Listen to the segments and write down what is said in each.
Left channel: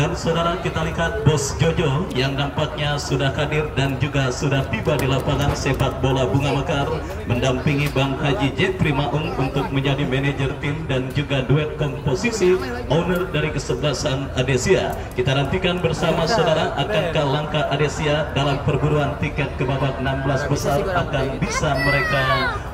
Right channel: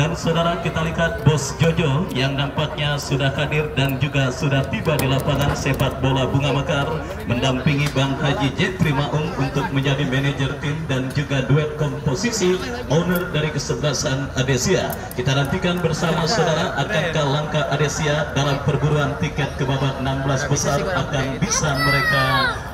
Dan saudara, kita lihat Bos Jojo yang nampaknya sudah hadir dan juga sudah tiba di lapangan sepak bola Bunga Mekar mendampingi Bang Haji Jepri Maung untuk menjadi manajer tim dan juga duet komposisi owner dari kesebelasan Adesia. Kita nantikan bersama saudara, akankah langkah Adesia dalam perburuan tiket ke babak 16 besar akan bisa mereka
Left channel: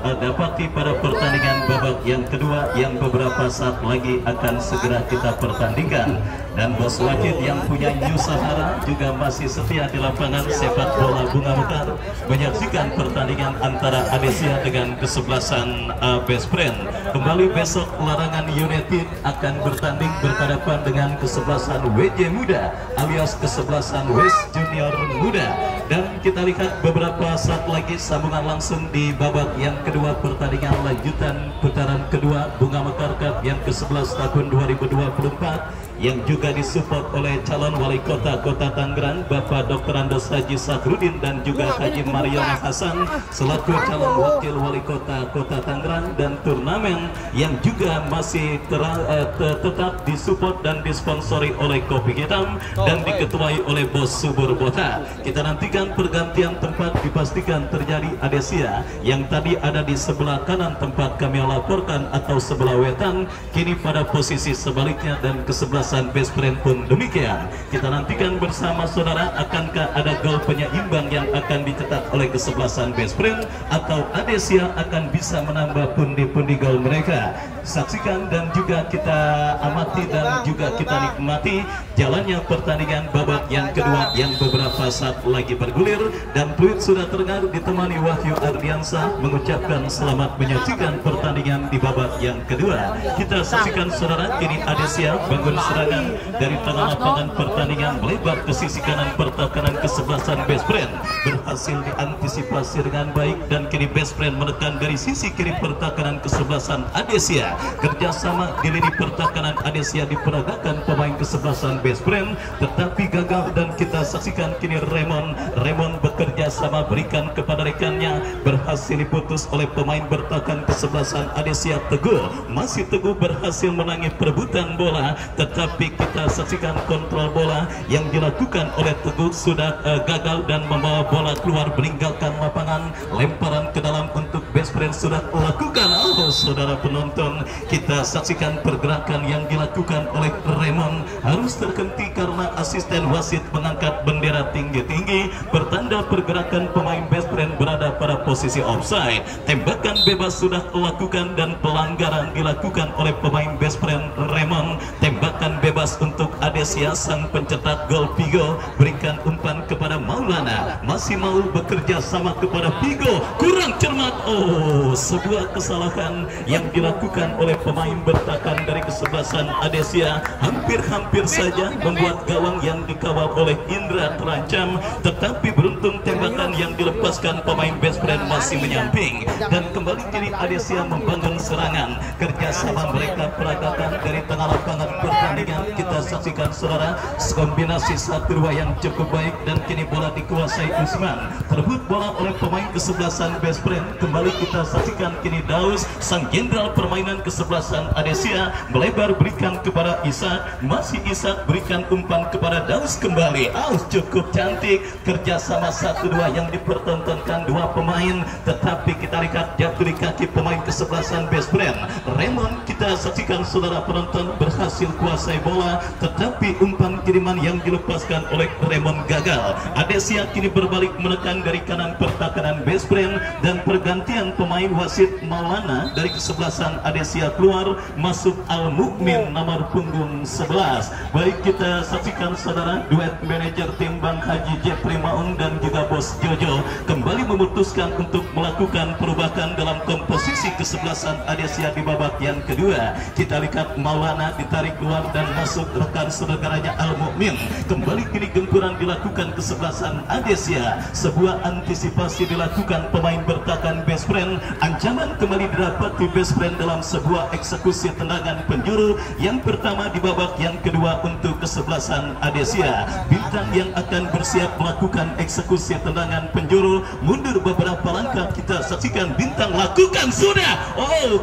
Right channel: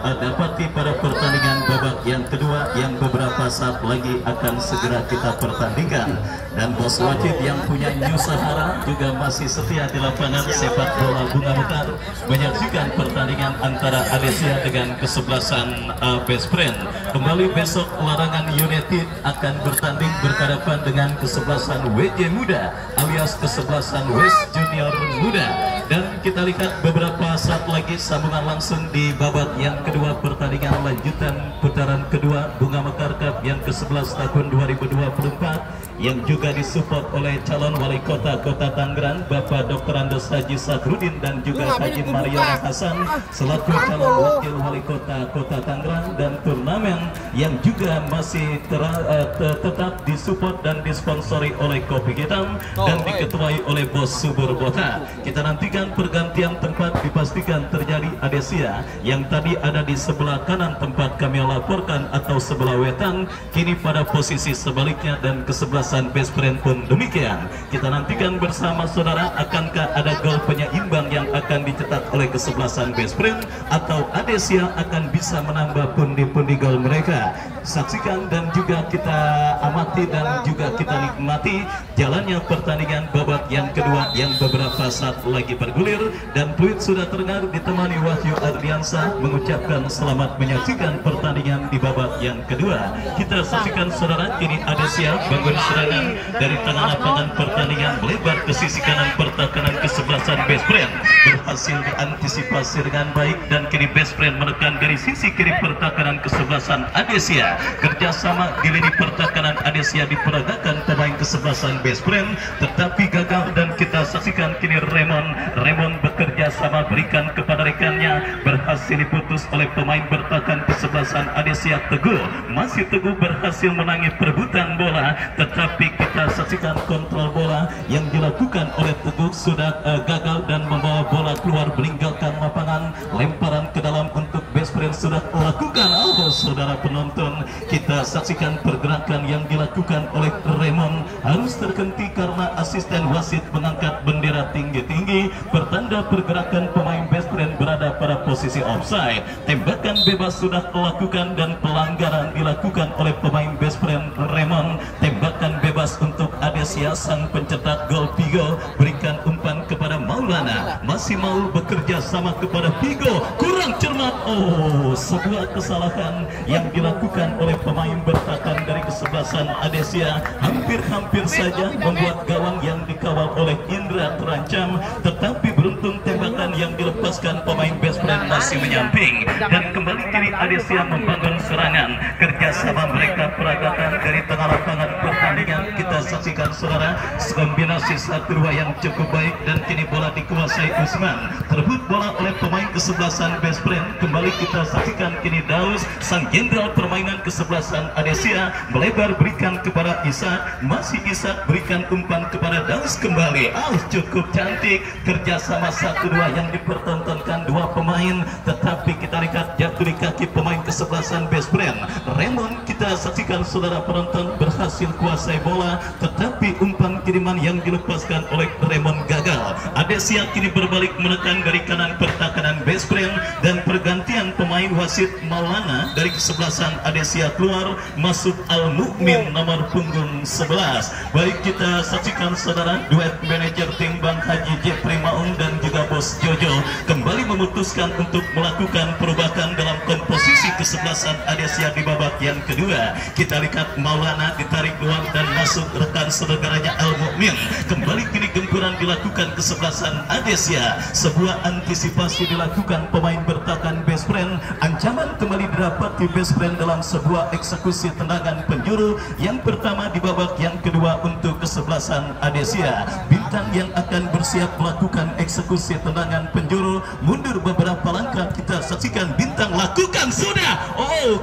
dapati pada pertandingan babak yang kedua yang beberapa saat lagi akan segera kita pertandingkan. Dan Bos Wajid yang punya New Sahara juga masih setia di lapangan sepak bola Bunga Mekar menyaksikan pertandingan antara Adesia dengan kesebelasan Best Friend. Kembali besok Larangan United akan bertanding berhadapan dengan kesebelasan WJ Muda alias kesebelasan West Junior Muda. Dan kita lihat beberapa saat lagi sambungan langsung di babak yang kedua pertandingan lanjutan putaran kedua Bunga Mekar Cup yang ke-11 tahun 2024 yang juga disupport oleh calon wali kota Kota Tangerang Bapak Dr. Andes Haji Sadrudin dan juga Haji Mariana Hasan selaku calon wakil wali kota Kota Tangerang, dan turnamen yang juga masih tetap disupport dan disponsori oleh Kopi Hitam dan diketuai oleh Bos Subur Bota. Kita nantikan pergantian tempat dipastikan terjadi. Adesia yang tadi ada di sebelah kanan tempat kami laporkan atau sebelah wetan kini pada posisi sebaliknya, dan kesebelasan Best Friend pun demikian. Kita nantikan bersama saudara, akankah ada gol penyeimbang yang akan dicetak oleh kesebelasan Best Friend atau Adesia akan bisa menambah pundi-pundi gol mereka. Saksikan dan juga kita amati dan juga kita nikmati jalannya pertandingan babak yang kedua yang beberapa saat lagi bergulir, dan tweet sudah terdengar ditemani Wahyu Ardiansa mengucapkan selamat menyaksikan pertandingan di babak yang kedua. Kita saksikan saudara, kini Adesia bangun serangan dari tengah lapangan pertandingan melebar ke sisi kanan pertahanan kesebelasan Best Friend berhasil diantisipasi dengan baik, dan kini Best Friend menekan dari sisi kiri pertahanan kesebelasan Adesia. Kerjasama di lini pertahanan Adesia diperagakan pemain kesebelasan Best Friend tetapi gagal, dan kita saksikan kini Raymond bekerja sama berikan kepada rekannya, berhasil diputus oleh pemain bertahan kesebelasan Adesia. Teguh masih teguh berhasil menangis perebutan bola, tetapi kita saksikan kontrol bola yang dilakukan oleh Teguh sudah gagal dan membawa bola keluar meninggalkan lapangan. Lemparan ke dalam untuk Best Friend sudah melakukan. Saudara penonton, kita saksikan pergerakan yang dilakukan oleh Raymond harus terhenti karena asisten wasit mengangkat bendera tinggi-tinggi pertanda pergerakan pemain Best Friend berada pada posisi offside. Tembakan bebas sudah dilakukan dan pelanggaran dilakukan oleh pemain Best Friend Raymond. Tembakan bebas untuk Adesia, sang pencetak gol Pigo berikan umpan kepada Maulana, masih mau bekerja sama kepada Pigo, kurang cermat. Sebuah kesalahan yang dilakukan oleh pemain bertahan dari kesebelasan Adesia hampir saja membuat gawang yang dikawal oleh Indra terancam, tetapi beruntung tembakan yang dilepaskan pemain Best Friend masih menyamping, dan kembali kini Adesia membangun serangan. Kerjasama mereka peragatan dari tengah lapangan pertandingan kita saksikan saudara, kombinasi 1-2 yang cukup baik, dan kini bola dikuasai Usman, terebut bola oleh pemain kesebelasan Best Friend. Kembali kita saksikan kini Daus, sang jenderal permainan kesebelasan Adesia, melebar berikan kepada Ishak, masih Ishak berikan umpan kepada Daus kembali. Cukup cantik kerjasama 1-2 yang dipertontonkan dua pemain, tetapi kita lihat jatuh di kaki pemain kesebelasan Best Friend. Raymond kita saksikan saudara penonton berhasil kuasai bola, tetapi umpan kiriman yang dilepaskan oleh Raymond gagal. Adesia kini berbalik menekan dari kanan pertahanan Best Friend, dan pergantian pemain wasit Maulana dari kesebelasan Adesia keluar, masuk Al Mukmin nomor punggung 11. Baik, kita saksikan saudara, duet manajer tim Bang Haji Jepri Maung dan juga Bos Jojo kembali memutuskan untuk melakukan perubahan dalam komposisi kesebelasan Adesia di babak yang kedua. Kita lihat Maulana ditarik luar dan masuk rekan saudaranya Al Mukmin. Kembali kini gempuran dilakukan kesebelasan Adesia. Sebuah antisipasi dilakukan pemain bertahan Best Friend. Ancaman kembali didapati Best Friend dalam sebuah eksekusi tendangan penjuru yang pertama di babak yang kedua untuk kesebelasan Adesia. Bintang yang akan bersiap melakukan eksekusi tendangan penjuru mundur beberapa langkah. Kita saksikan Bintang lakukan sudah.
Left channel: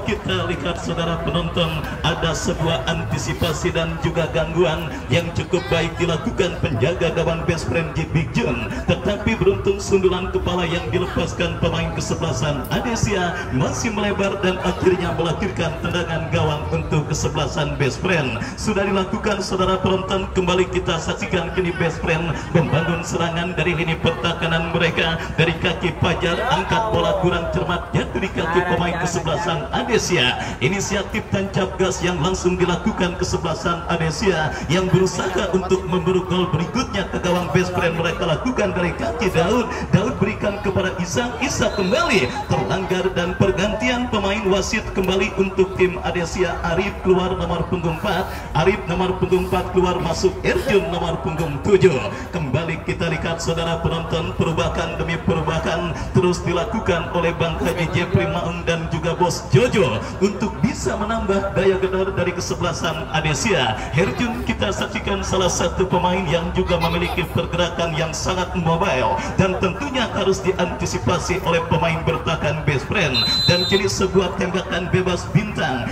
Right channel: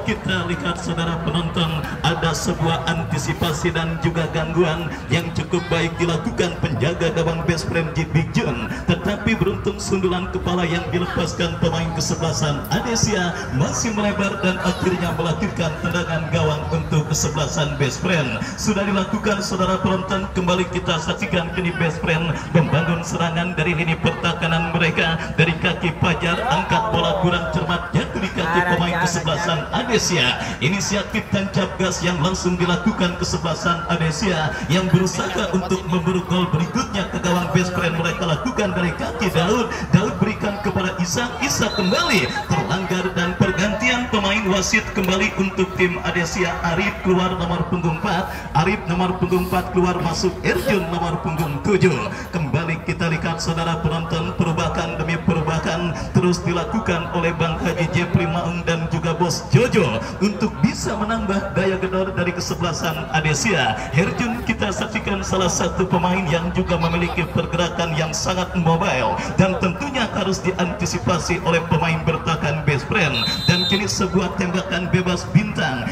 Kita lihat saudara penonton, ada sebuah antisipasi dari dan juga gangguan yang cukup baik dilakukan penjaga gawang best friend Big Jun, tetapi beruntung sundulan kepala yang dilepaskan pemain kesebelasan Adesia masih melebar dan akhirnya melahirkan tendangan gawang untuk kesebelasan best friend. Sudah dilakukan saudara penonton, kembali kita saksikan kini best friend membangun serangan dari lini pertahanan mereka. Dari kaki Fajar, angkat bola kurang cermat jatuh di kaki pemain kesebelasan Adesia. Inisiatif tancap gas yang langsung dilakukan kesebelasan Adesia yang berusaha untuk memburu gol berikutnya ke gawang best friend. Mereka lakukan dari kaki Daud berikan kepada Isa kembali terlanggar dan pergantian pemain wasit kembali untuk tim Adesia. Arif keluar nomor punggung 4, Arif nomor punggung 4 keluar, masuk Erjun nomor punggung 7. Kembali kita lihat saudara penonton, perubahan demi perubahan terus dilakukan oleh Bang Haji Jepri Maung dan juga Bos Jojo untuk bisa menambah daya gedor dari kesebelasan Adesia. Erjun kita saksikan salah satu pemain yang juga memiliki pergerakan yang sangat mobile dan tentunya harus diantisipasi oleh pemain bertahan best friend. Dan kini sebuah tembakan bebas Bintang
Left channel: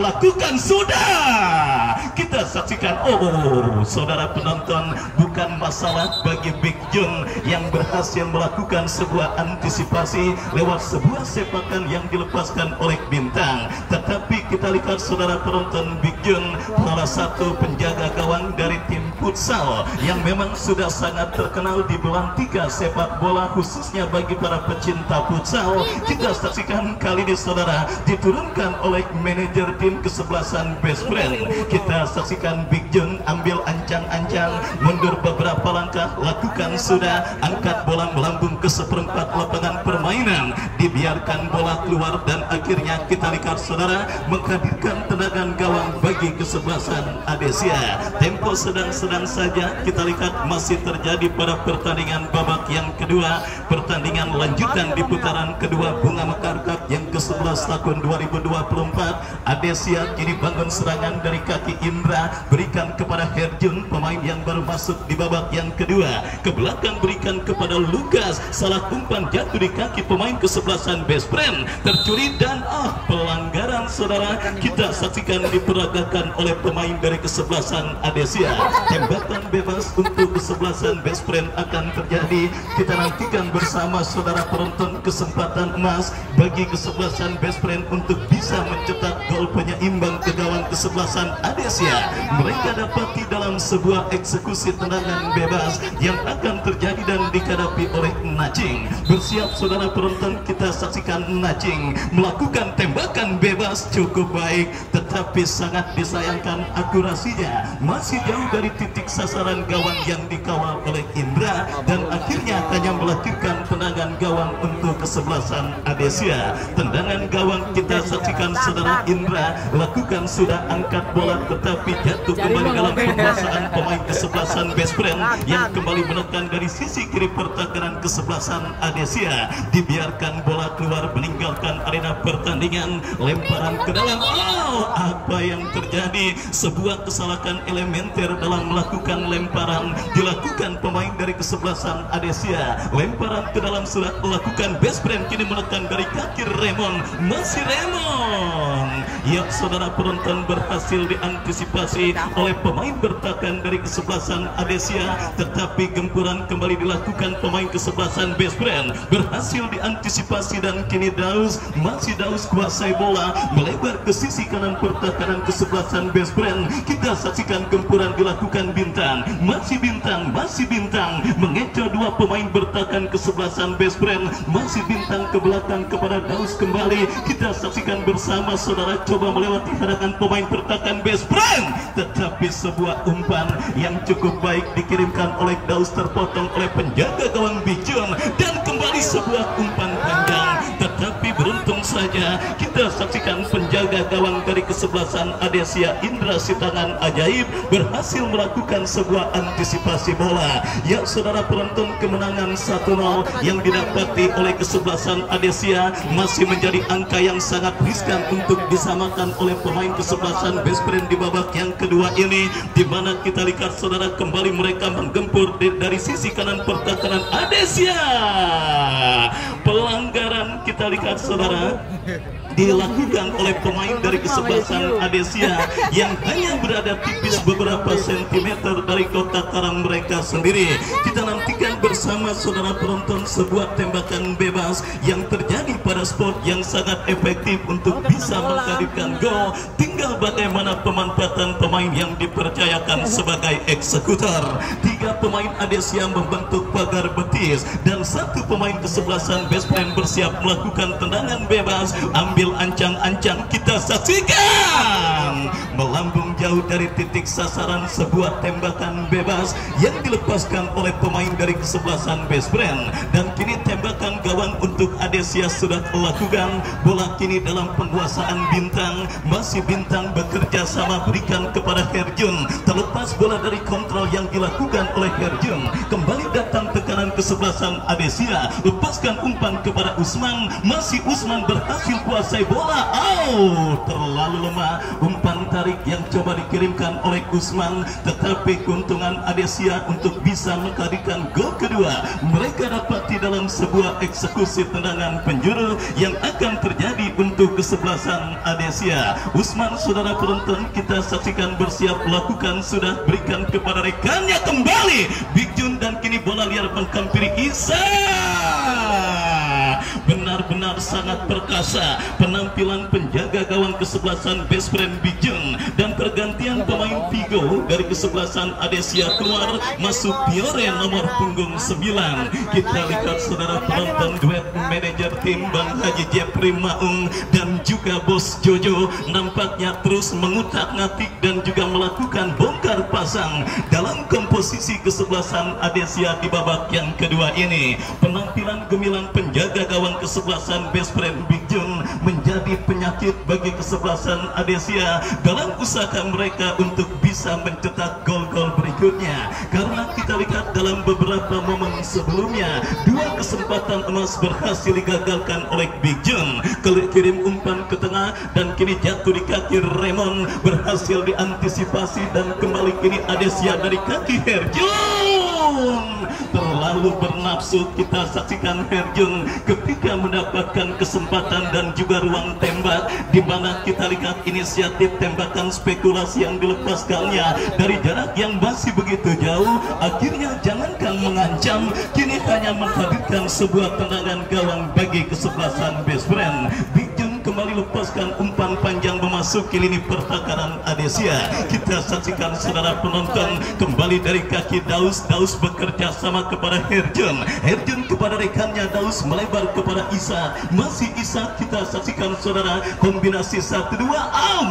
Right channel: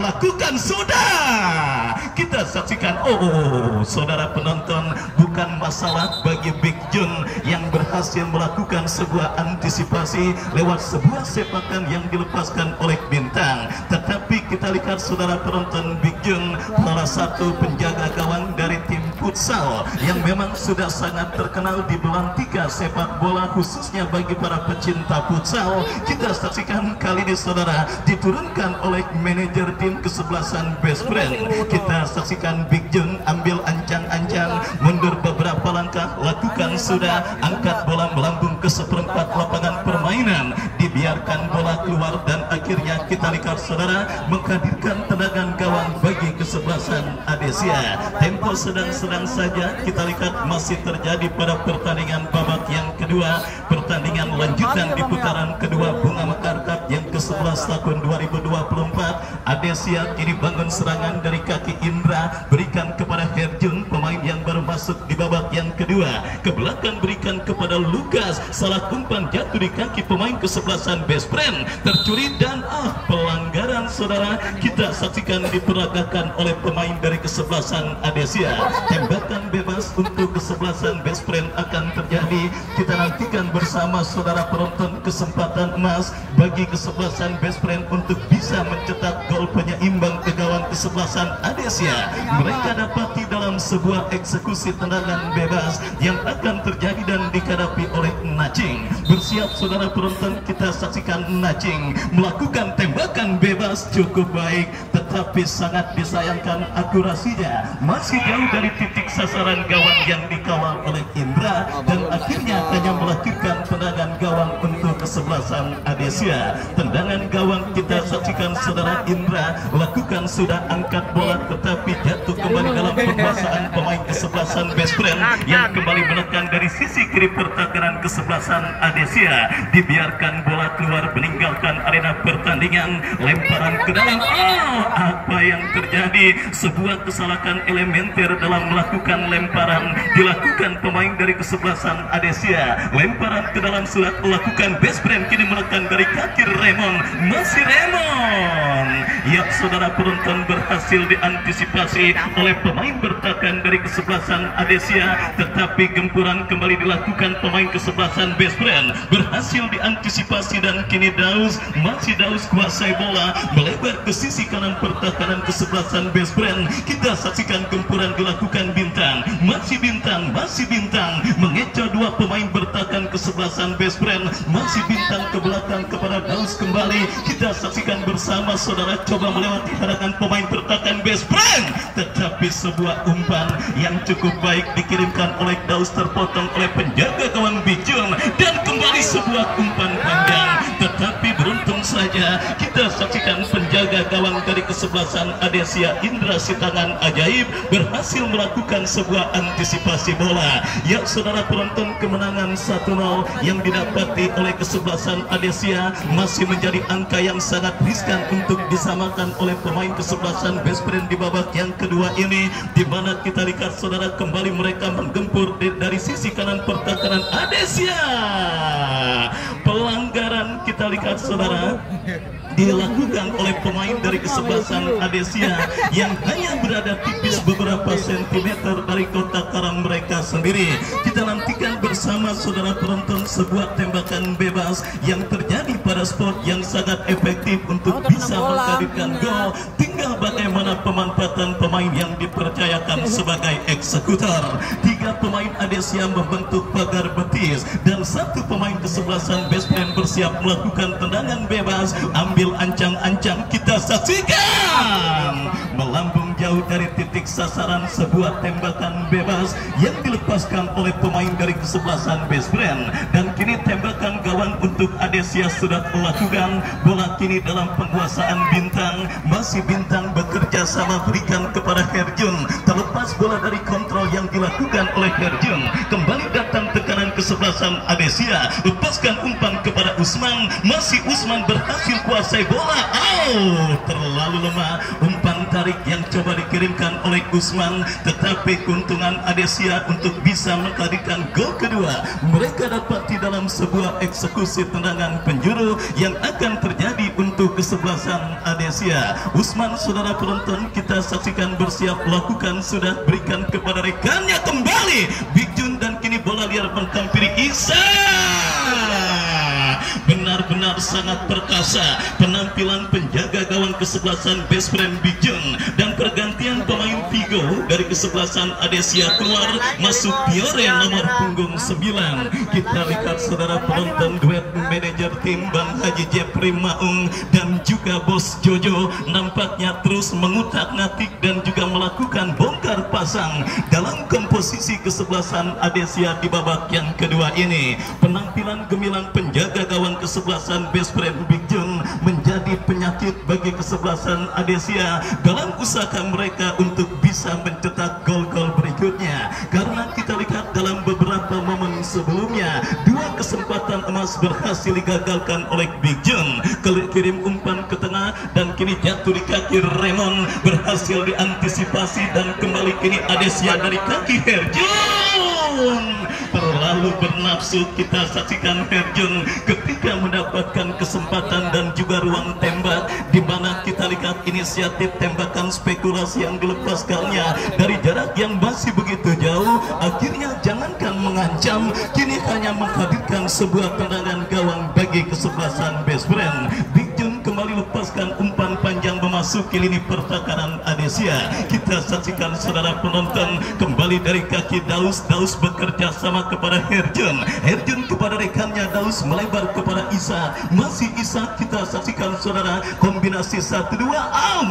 lakukan, sudah kita saksikan. Oh saudara penonton, bukan masalah bagi Big Jun yang berhasil melakukan sebuah antisipasi lewat sebuah sepakan yang dilepaskan oleh Bintang, tetapi kita lihat saudara penonton, Big Jun salah satu penjaga gawang dari tim futsal yang memang sudah sangat terkenal di bulan 3 sepak bola, khususnya bagi para pecinta futsal. Kita saksikan kali ini saudara diturunkan oleh manajer tim kesebelasan best friend. Kita saksikan Big Jun ambil ancang-ancang, mundur beberapa langkah, lakukan sudah, angkat bola melambung ke seperempat lapangan permainan, dibiarkan bola keluar dan akhirnya kita lihat saudara menghadirkan tendangan gawang bagi kesebelasan Adesia. Tempo sedang-sedang saja kita lihat masih terjadi pada pertandingan babak yang kedua, pertandingan lanjutan di putaran kedua Bunga Mekar Cup yang ke-11 tahun 2024. Adesia kini bangun serangan dari kaki Indra, berikan kepada Herjun, pemain yang baru masuk di babak yang kedua, ke belakang berikan kepada Lukas, salah umpan jatuh di kaki pemain kesebelasan best friend, tercuri dan pelanggaran saudara kita saksikan diperagakan oleh pemain dari kesebelasan Adesia. Tembakan bebas untuk kesebelasan best friend akan terjadi. Kita nantikan bersama saudara penonton kesempatan emas bagi kesebelasan best friend untuk bisa mencetak gol penyeimbang ke gawang kesebelasan Adesia. Mereka dapati dalam sebuah eksekusi tendangan bebas yang akan terjadi dan dihadapi oleh Nacing. Bersiap saudara penonton, kita saksikan Nacing melakukan tembakan bebas cukup baik, tetapi sangat disayangkan akurasinya masih jauh dari titik sasaran gawang yang dikawal oleh Indra dan akhirnya hanya melahirkan tendangan gawang untuk kesebelasan Adesia. Tendangan gawang kita saksikan saudara Indra lakukan sudah, angkat bola tetapi jatuh kembali dalam penguasaan pemain kesebelasan best friend yang kembali menekan dari sisi kiri pertahanan kesebelasan Adesia. Dibiarkan bola keluar meninggalkan arena pertandingan, lemparan ke dalam. Apa yang terjadi? Sebuah kesalahan elementer dalam melakukan lemparan dilakukan pemain dari kesebelasan Adesia. Lemparan ke dalam sudah melakukan best friend, kini menekan dari kaki Raymond, masih Raymond. Ya saudara penonton, berhasil diantisipasi oleh pemain bertahan dari kesebelasan Adesia, tetapi gempuran kembali dilakukan pemain kesebelasan best friend, berhasil diantisipasi dan kini Daus kuasai bola melebar ke sisi kanan pertahanan kesebelasan best friend. Kita saksikan gempuran dilakukan Bintang, masih Bintang mengecoh dua pemain bertahan kesebelasan best friend, masih Bintang ke belakang kepada Daus kembali. Kita saksikan bersama saudara, coba melewati hadangan pemain bertahan best friend, tetapi sebuah umpan yang cukup baik dikirimkan oleh Daus terpotong oleh penjaga gawang Big Jun dan kembali sebuah umpan panjang, tetapi beruntung saja kita saksikan penjaga gawang dari kesebelasan Adesia Indra Sitangan Ajaib berhasil melakukan sebuah antisipasi bola. Ya saudara penonton, kemenangan 1-0 yang didapati oleh kesebelasan Adesia masih menjadi angka yang sangat riskan untuk disamakan oleh pemain kesebelasan best friend di babak yang kedua ini, di mana kita lihat saudara kembali mereka menggempur dari sisi kanan pertahanan Adesia. pelanggaran kita lihat saudara dilakukan oleh pemain dari kesebelasan Adesia yang hanya berada tipis beberapa sentimeter dari kotak karang mereka sendiri. Kita nantikan bersama saudara penonton sebuah tembakan bebas yang terjadi pada sport yang sangat efektif untuk bisa menghadirkan gol. Tinggal bagaimana pemanfaatan pemain yang dipercayakan sebagai eksekutor. 3 pemain Adesia membentuk pagar betis dan 1 pemain kesebelasan Best Friend bersiap melakukan tendangan bebas. Ambil ancang-ancang, kita saksikan melambung jauh dari titik sasaran sebuah tembakan bebas yang dilepaskan oleh pemain dari kesebelasan Best Friend. Dan kini tembakan gawang untuk Adesia sudah dilakukan. Bola kini dalam penguasaan Bintang. Masih Bintang bekerja sama berikan kepada Herjun. Terlepas bola dari kontrol yang dilakukan oleh Herjun. Kembali datang tekanan kesebelasan Adesia. Lepaskan umpan kepada Usman. Masih Usman berhasil kuasai bola. Terlalu lemah umpan tarik yang coba dikirimkan oleh Usman, tetapi keuntungan Adesia untuk bisa menghadirkan gol kedua mereka dapati dalam sebuah eksekusi tendangan penjuru yang akan terjadi untuk kesebelasan Adesia. Usman, saudara penonton, kita saksikan bersiap lakukan, sudah berikan kepada rekannya kembali Big Jun, dan kini bola liar menghampiri Isa. Benar-benar sangat perkasa penampilan penjaga gawang kesebelasan Best Friend Big Jun, dan pergantian pemain Vigo dari kesebelasan Adesia keluar, masuk Piore nomor punggung 9. Kita lihat saudara penonton, duet manajer tim Bang Haji Jepri Maung dan juga Bos Jojo nampaknya terus mengutak-ngatik dan juga melakukan bongkar pasang dalam komposisi kesebelasan Adesia di babak yang kedua ini. Penampilan gemilang penjaga gawang kesebelasan Best Friend Big Jun menjadi penyakit bagi kesebelasan Adesia dalam usaha mereka untuk bisa mencetak gol-gol berikutnya. Karena kita lihat dalam beberapa momen sebelumnya 2 kesempatan emas berhasil digagalkan oleh Big Jun. Kirim umpan ke tengah dan kini jatuh di kaki Raymond, berhasil diantisipasi dan kembali kini Adesia dari kaki Herjun. Terlalu bernafsu, kita saksikan Herjun ketika mendapatkan kesempatan dan juga ruang tembak, di mana kita lihat inisiatif tembakan spekulasi yang dilepaskannya dari jarak yang masih begitu jauh. Akhirnya jangankan mengancam, kini hanya menghadirkan sebuah tendangan gawang bagi kesebelasan Best Friend. Big Jun kembali lepaskan umpan panjang memasuki lini pertahanan Adesia. Kita saksikan saudara penonton, kembali dari kaki Daus. Daus bekerja sama kepada Herjun. Herjun kepada rekannya Daus, melebar kepada Isa. Masih Isa, kita saksikan saudara kombinasi 1-2.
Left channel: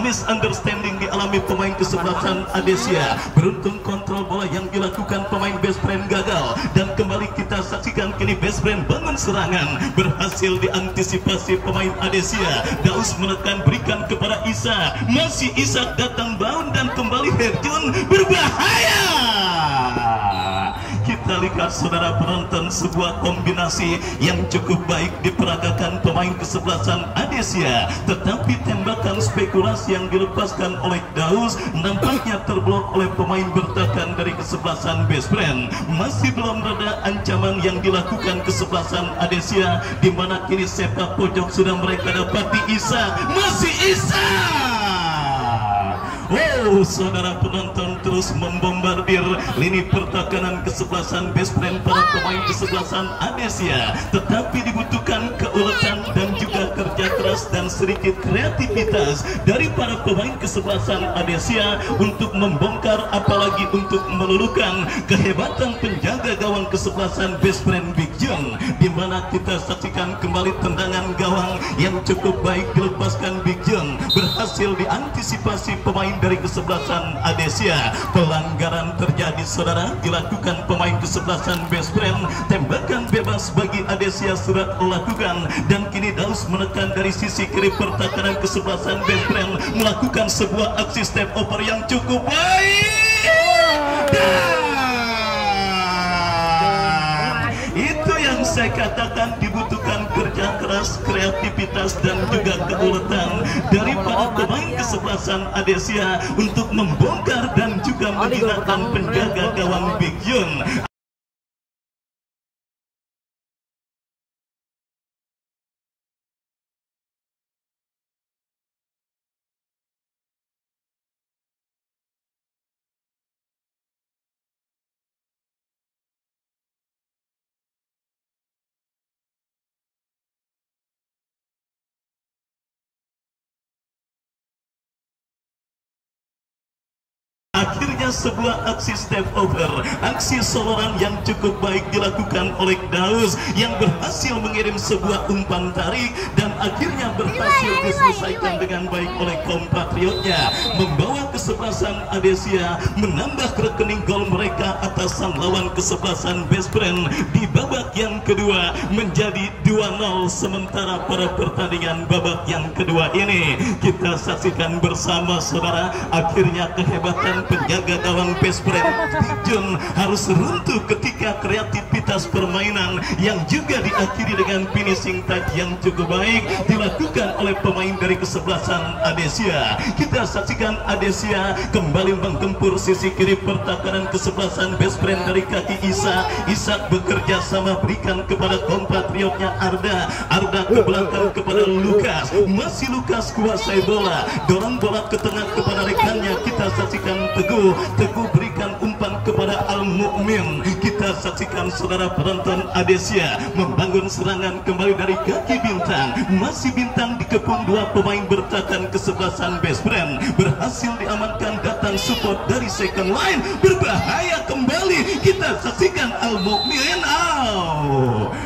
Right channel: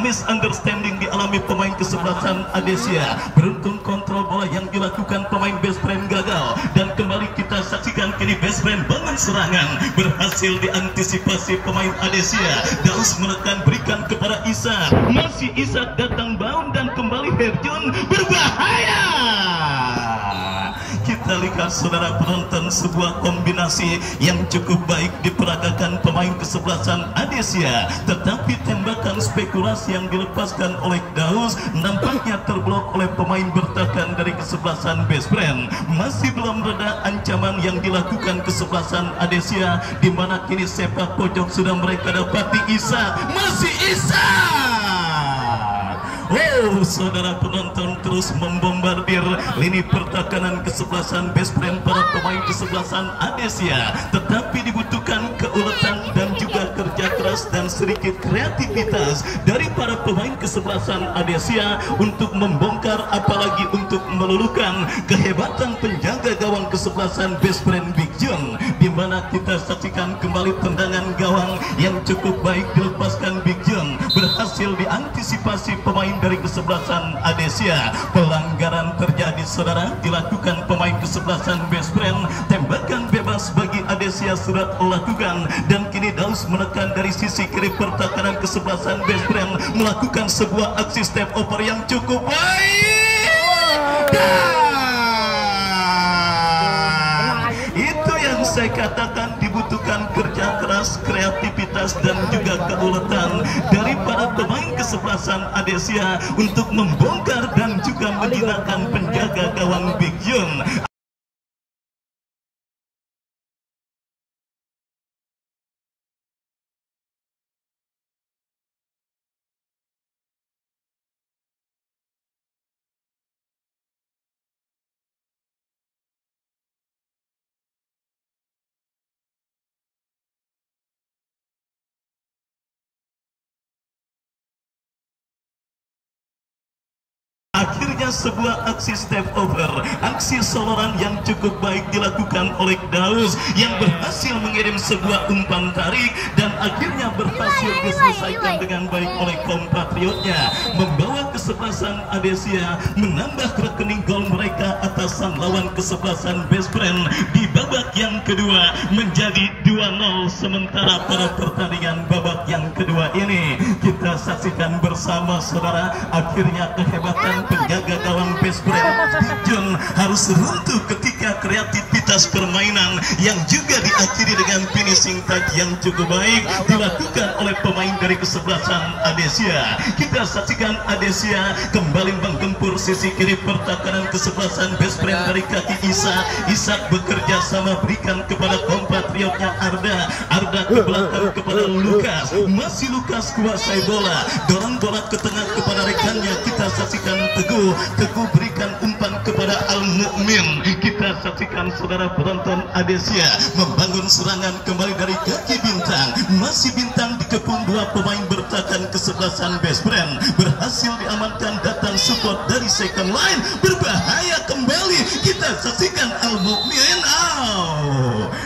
Misunderstanding dialami pemain kesebelasan Adesia. Beruntung kontrol bola yang dilakukan pemain Best Friend gagal, dan kembali kita saksikan kini Best Friend bangun serangan, berhasil diantisipasi pemain Adesia. Daus menekan, berikan kepada Isa. Masih Isa datang bound dan kembali Herjun, berbahaya. Kita lihat saudara penonton, sebuah kombinasi yang cukup baik diperagakan pemain kesebelasan Adesia, tetapi tembakan spekulasi yang dilepaskan oleh Daus nampaknya terblok oleh pemain bertahan dari kesebelasan Best Friend. Masih belum reda ancaman yang dilakukan kesebelasan Adesia, di mana kini sepak pojok sudah mereka dapati. Isa, masih Isa. Saudara penonton, terus membombardir lini pertahanan kesebelasan Best Friend para pemain kesebelasan Adesia, tetapi dibutuhkan keuletan dan juga kerja keras dan sedikit kreativitas dari para pemain kesebelasan Adesia untuk membongkar, apalagi untuk meluluhkan kehebatan penjaga gawang kesebelasan Best Friend Big Jun, di mana kita saksikan kembali tendangan gawang yang cukup baik dilepaskan Big Jun, berhasil diantisipasi pemain dari kesebelasan Adesia. Pelanggaran terjadi saudara, dilakukan pemain kesebelasan Best Friend. Tembakan bebas bagi Adesia sudah dilakukan, dan kini Daus menekan dari sisi kiri pertahanan kesebelasan Best Friend, melakukan sebuah aksi step over yang cukup baik. Itu yang saya katakan, dibutuhkan kerja keras, kreativitas dan juga keuletan dari para pemain kesebelasan Adesia untuk membongkar dan juga menghilangkan penjaga gawang Big Jun. nampaknya sebuah aksi step over, aksi soloran yang cukup baik dilakukan oleh Daus yang berhasil mengirim sebuah umpan tarik dan akhirnya berhasil diselesaikan dengan baik oleh kompatriotnya, membawa kesebelasan Adesia menambah rekening gol mereka atas sang lawan kesebelasan Best Friend di babak yang kedua menjadi 2-0. Sementara pada pertandingan babak yang kedua ini kita saksikan bersama saudara, akhirnya kehebatan penjaga gawang Best Friend Jun harus runtuh ketika kreativitas permainan yang juga diakhiri dengan finishing touch yang cukup baik dilakukan oleh pemain dari kesebelasan Adesia. Kita saksikan Adesia kembali menggempur sisi kiri pertahanan kesebelasan Best Friend dari kaki Isak bekerja sama berikan kepada kompatriotnya Arda ke belakang kepada Lukas, masih Lukas kuasai bola, dorong bola ke tengah kepada rekannya. Kita saksikan Teguh berikan umpan kepada Al-Mu'min. Kita saksikan saudara penonton Adesia membangun serangan kembali dari kaki Bintang, masih Bintang dikepung dua pemain bertahan kesebelasan Best Friend, berhasil diamankan, datang support dari second line, berbahaya kembali. Kita saksikan Al-Mu'min.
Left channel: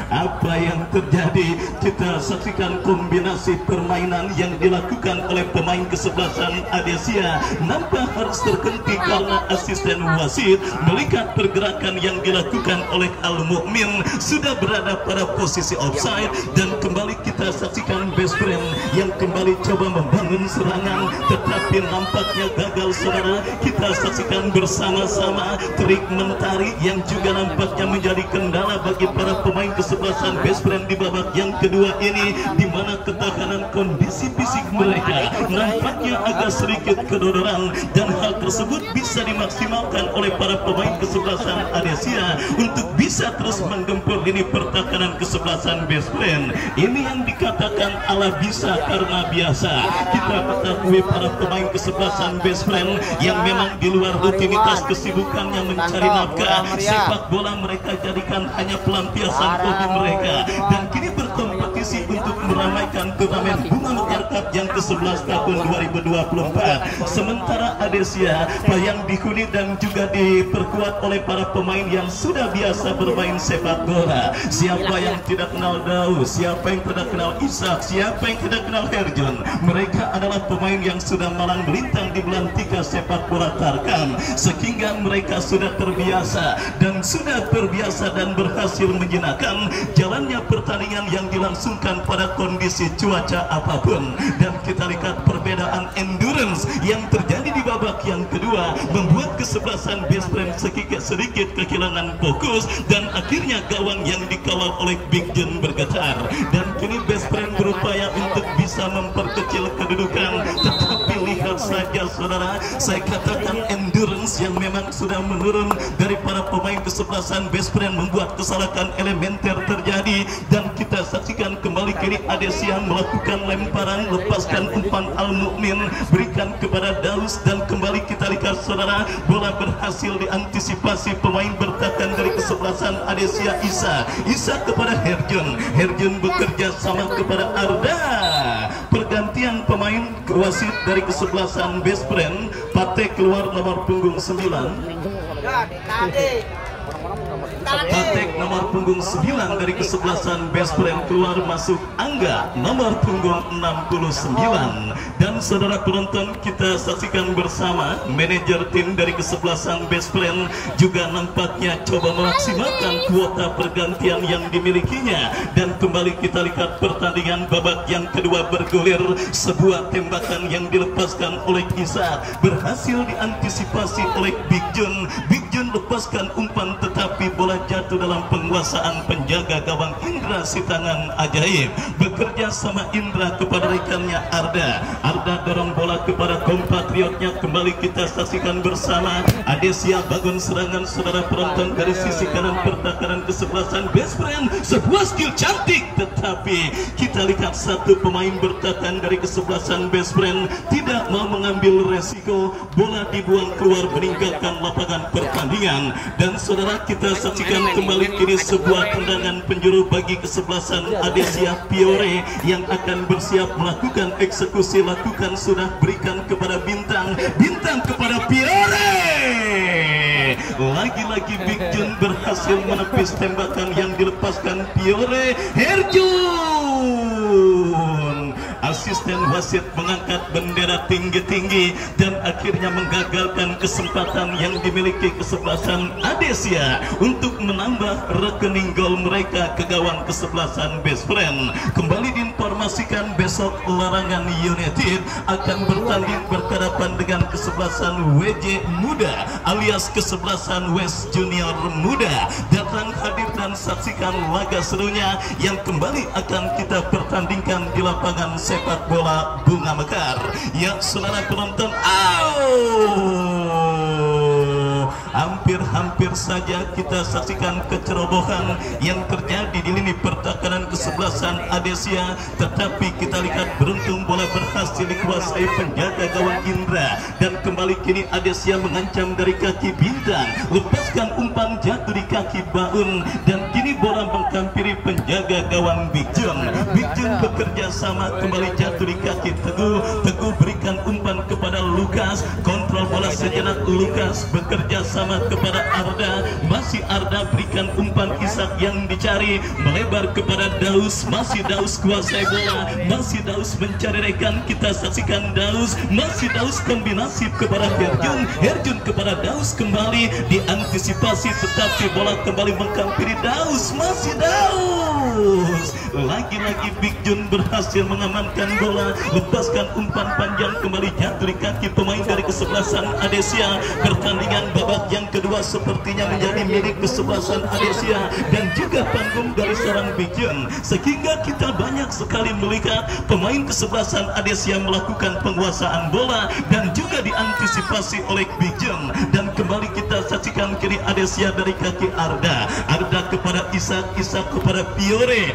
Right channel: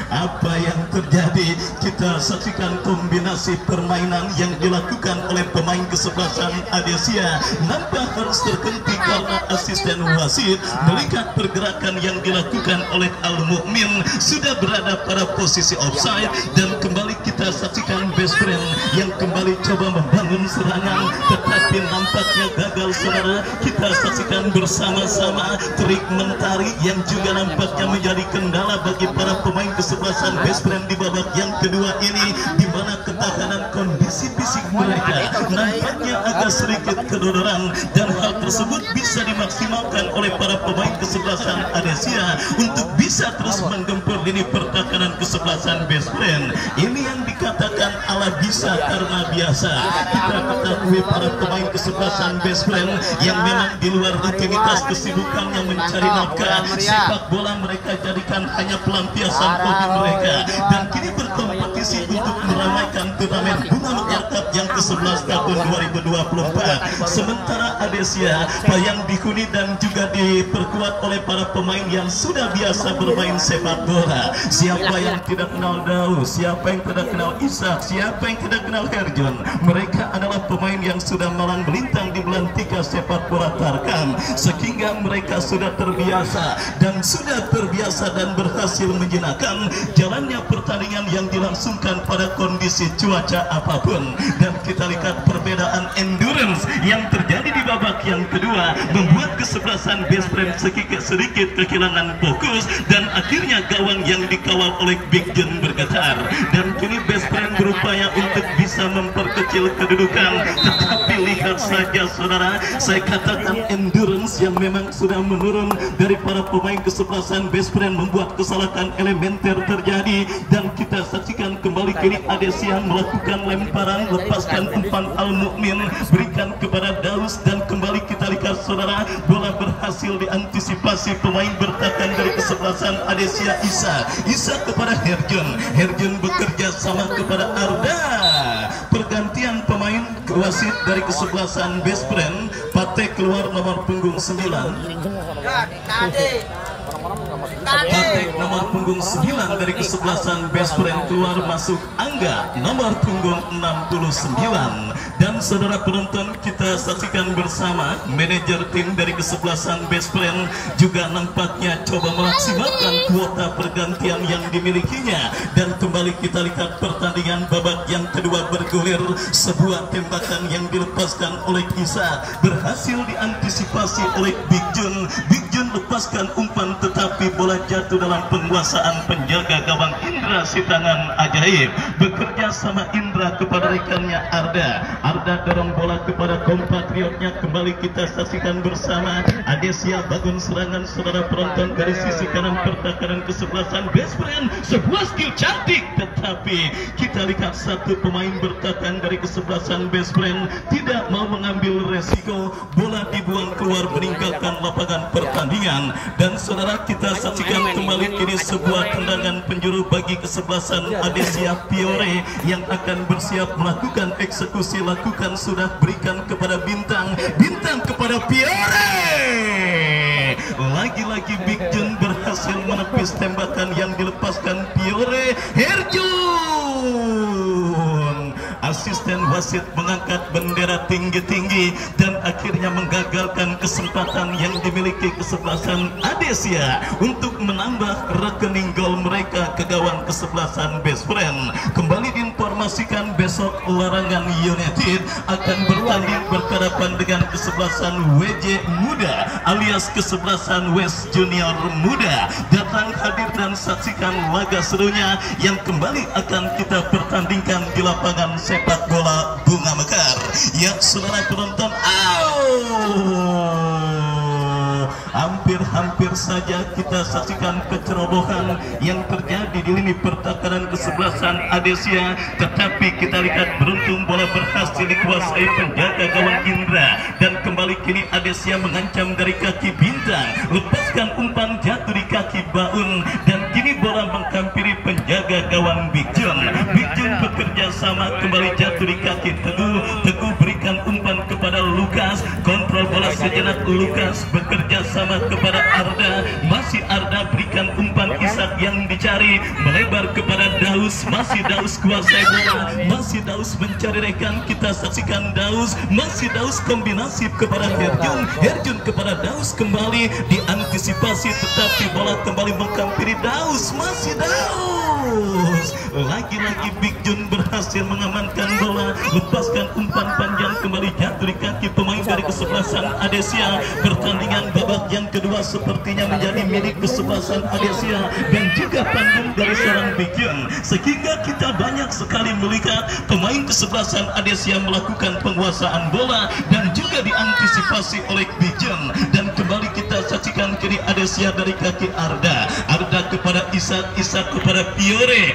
Apa yang terjadi? Kita saksikan kombinasi permainan yang dilakukan oleh pemain kesebelasan Adesia nampak harus terhenti karena asisten wasit melihat pergerakan yang dilakukan oleh Al-Mu'min sudah berada pada posisi offside, dan kembali kita saksikan Best Friend yang kembali coba membangun serangan tetapi nampaknya gagal saudara. Kita saksikan bersama-sama trik mentari yang juga nampaknya menjadi kendala bagi para pemain kesebelasan Best Friend di babak yang kedua ini, di mana ketahanan kondisi fisik mereka nampaknya agak sedikit kedodoran, dan hal tersebut bisa dimaksimalkan oleh para pemain kesebelasan Adesia untuk bisa terus menggempur lini pertahanan kesebelasan Best Friend. Ini yang dikatakan ala bisa karena biasa. Kita ketahui para pemain kesebelasan Best Friend yang memang di luar rutinitas kesibukannya mencari nafkah, sepak bola mereka jadikan hanya pelampiasan hobi mereka, dan kini berkompetisi untuk meramaikan turnamen Bunga Mekar Cup yang ke-11 tahun 2024. Sementara Adesia yang dihuni dan juga diperkuat oleh para pemain yang sudah biasa bermain sepak bola. Siapa yang tidak kenal Daus, siapa yang tidak kenal Isak, siapa yang tidak kenal Herjun? Mereka adalah pemain yang sudah malang melintang di belantika sepak bola Tarkam, sehingga mereka sudah terbiasa dan berhasil menjinakkan jalannya pertandingan yang dilangsungkan pada kondisi cuaca apapun. Dan kita lihat perbedaan endurance yang terjadi di babak yang kedua membuat kesebelasan Best Friend sedikit kehilangan fokus, dan akhirnya gawang yang dikawal oleh Big John bergetar, dan kini Best Friend berupaya untuk bisa memperkecil kedudukan. Tetapi lihat saja saudara, saya katakan endurance yang memang sudah menurun dari para pemain kesebelasan Best Friend membuat kesalahan elementer terjadi, dan kita saksikan kembali kini Adesia melakukan lemparan, lepaskan umpan Al-Mu'min, berikan kepada Daus, dan kembali kita lihat saudara, bola berhasil diantisipasi pemain bertahan dari kesebelasan Adesia. Isa kepada Herjun bekerja sama kepada Arda. Pergantian pemain wasit dari kesebelasan Best Friend, Patek keluar nomor punggung 9. Patek nomor punggung 9 dari kesebelasan Best Friend keluar, masuk Angga nomor punggung 69. Dan saudara penonton, kita saksikan bersama manajer tim dari kesebelasan Best Friend juga nampaknya coba memaksimalkan kuota pergantian yang dimilikinya, dan kembali kita lihat pertandingan babak yang kedua bergulir. Sebuah tembakan yang dilepaskan oleh Isa berhasil diantisipasi oleh Big John lepaskan umpan, tetapi bola jatuh dalam penguasaan penjaga gawang Indra Sitangan Ajaib. Bekerja sama Indra kepada rekannya Arda dorong bola kepada kompatriotnya. Kembali kita saksikan bersama Adesia bangun serangan saudara penonton dari sisi kanan pertahanan kesebelasan Best Friend. Sebuah skill cantik, tetapi kita lihat satu pemain bertahan dari kesebelasan Best Friend tidak mau mengambil resiko, bola dibuang keluar meninggalkan lapangan pertandingan. Dan saudara, kita saksikan kembali kini sebuah tendangan penjuru bagi kesebelasan Adesia Piore yang akan bersiap melakukan eksekusi lakukan sudah berikan kepada Bintang, Bintang kepada Piore. Lagi-lagi Big Jun berhasil menepis tembakan yang dilepaskan Piore. Herjun, asisten wasit mengangkat bendera tinggi-tinggi dan akhirnya menggagalkan kesempatan yang dimiliki kesebelasan Adesia untuk menambah rekening gol mereka ke gawang kesebelasan Best Friend. Kembali diinformasikan besok Larangan United akan bertanding berhadapan dengan kesebelasan WJ Muda alias kesebelasan West Junior Muda. Datang, hadir dan saksikan laga serunya yang kembali akan kita pertandingkan di lapangan sepak bola Bunga Mekar. Ya saudara penonton, hampir saja kita saksikan kecerobohan yang terjadi di lini pertahanan kesebelasan Adesia, tetapi kita lihat beruntung bola berhasil dikuasai penjaga gawang Indra dan kembali kini Adesia mengancam dari kaki Bintang, lepaskan umpan jatuh di kaki Baun dan kini bola menghampiri penjaga gawang Big Jun. Big Jun bekerja sama kembali jatuh di kaki Teguh. Teguh berikan umpan kepada Lukas, kontrol bola sejenak. Lukas bekerja sama kepada Arda, masih Arda berikan umpan Ishak yang dicari, melebar kepada Daus, masih Daus kuasai bola, masih Daus mencari rekan. Kita saksikan Daus, masih Daus kombinasi kepada Herjun, Herjun kepada Daus, kembali diantisipasi tetapi bola kembali menghampiri Daus, masih Daus. Lagi-lagi Big Jun berhasil mengamankan bola, lepaskan umpan panjang kembali jatuh di kaki pemain dari kesebelasan Adesia. Pertandingan babak yang kedua sepertinya menjadi milik kesebelasan Adesia dan juga panggung dari seorang Big Jun, sehingga kita banyak sekali melihat pemain kesebelasan Adesia melakukan penguasaan bola dan juga diantisipasi oleh Big Jun. Dan kembali kita saksikan kiri Adesia dari kaki Arda, Arda kepada Ishak, Ishak kepada Piore.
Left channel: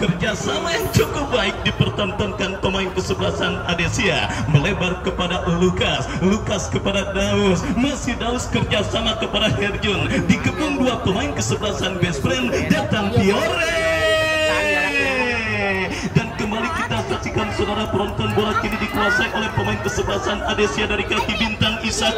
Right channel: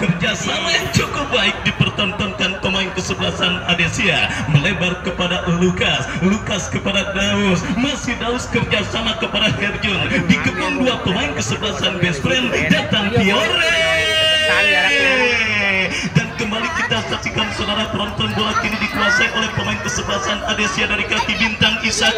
Kerjasama yang cukup baik dipertontonkan pemain kesebelasan Adesia, melebar kepada Lukas, Lukas kepada Daus, masih Daus kerjasama kepada Herjun, dikepung dua pemain kesebelasan Best Friend, datang Piore. Dan kembali kita saksikan saudara penonton, bola kini dikuasai oleh pemain kesebelasan Adesia dari kaki Bintang, Ishak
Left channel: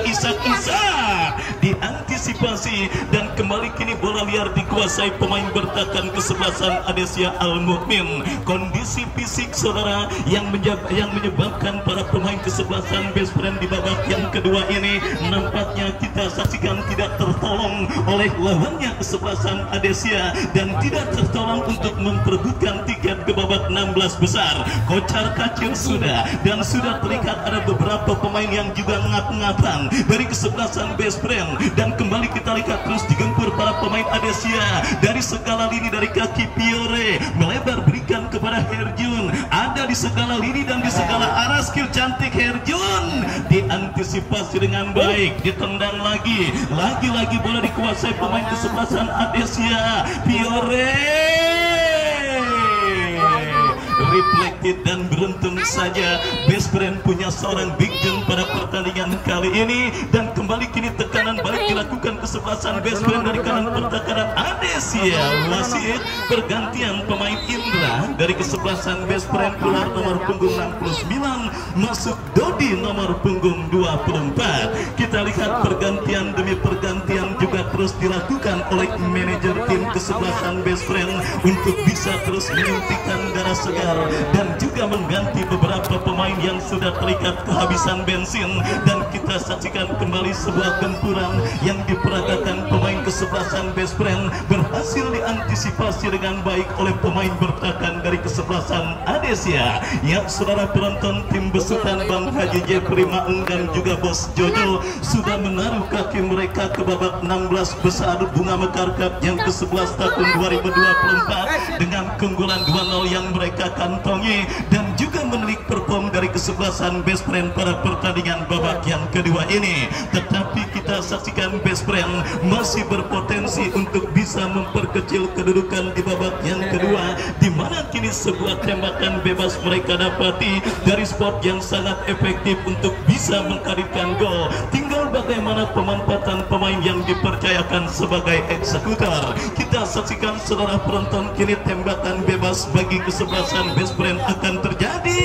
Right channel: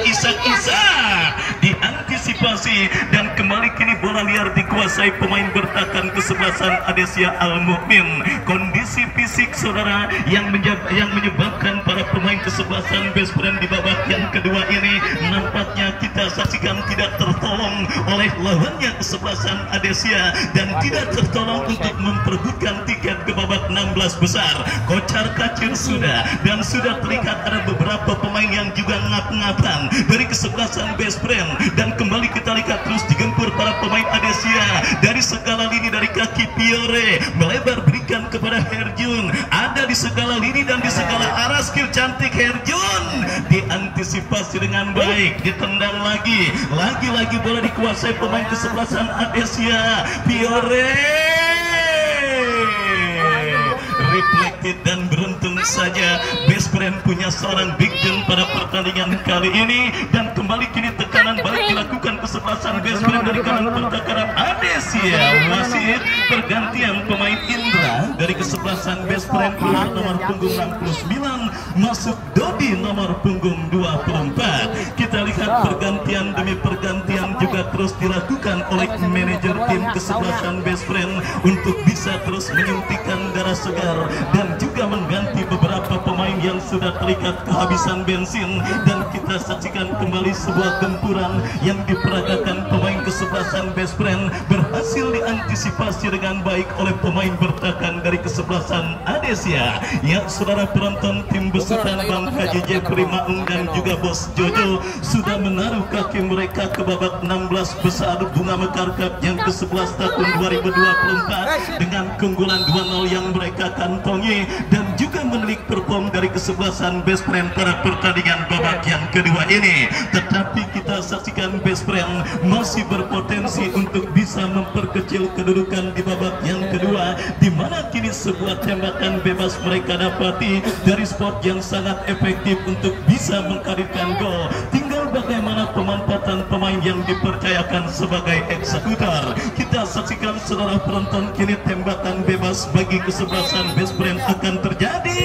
diantisipasi dan kembali kini bola liar dikuasai pemain bertahan kesebelasan Adesia Al-Mukmin. Kondisi fisik saudara yang menyebabkan para pemain kesebelasan Best Friend di babak yang kedua ini nampaknya kita saksikan tidak tertolong oleh lawannya kesebelasan Adesia dan tidak tertolong untuk memperebutkan tiket ke babak 16 besar. Kocar kacir sudah dan sudah terlihat ada beberapa pemain yang juga ngap-ngapan dari kesebelasan Best Friend dan kembali kita lihat terus digempur para pemain Adesia dari segala lini, dari kaki Piore melebar berikan kepada Herjun, ada di segala lini dan di segala arah. Skill cantik Herjun diantisipasi dengan baik, ditendang lagi bola dikuasai pemain kesebelasan Adesia. Piore reflected dan beruntung saja Best Friend punya seorang Big Jun pada pertandingan kali ini dan kembali kini tekanan baik dilakukan kesebelasan Best Friend dari kanan pertahanan Adesia. Wasit pergantian pemain Indra dari kesebelasan Best Friend, keluar nomor punggung 69 masuk Dodi nomor punggung 24. Kita lihat pergantian demi pergantian juga terus dilakukan oleh manajer tim kesebelasan Best Friend untuk bisa terus menyuntikkan darah segar dan juga mengganti beberapa pemain yang sudah terikat kehabisan bensin. Dan kita saksikan kembali sebuah gempuran yang diperagakan pemain kesebelasan Best Friend berhasil diantisipasi dengan baik oleh pemain bertahan dari kesebelasan Adesia. Ya saudara penonton, tim besutan Bang Haji Jeffrey Maung dan juga Bos Jojo sudah menaruh kaki mereka ke babak 16 besar Bunga Mekar Cup yang ke-11 tahun 2024 dengan keunggulan 2-0 yang mereka kantongi dan juga menelik perform dari kesebelasan Best Friend pada pertandingan babak yang kedua ini. Tetapi kita saksikan Best Friend masih berpotensi untuk bisa memperkecil kedudukan di babak yang kedua, di mana kini sebuah tembakan bebas mereka dapati dari spot yang sangat efektif untuk bisa menghadirkan gol. Tinggal bagaimana pemanfaatan pemain yang dipercayakan sebagai eksekutor. Kita saksikan saudara penonton, kini tembakan bebas bagi kesebelasan Best Friend akan terjadi.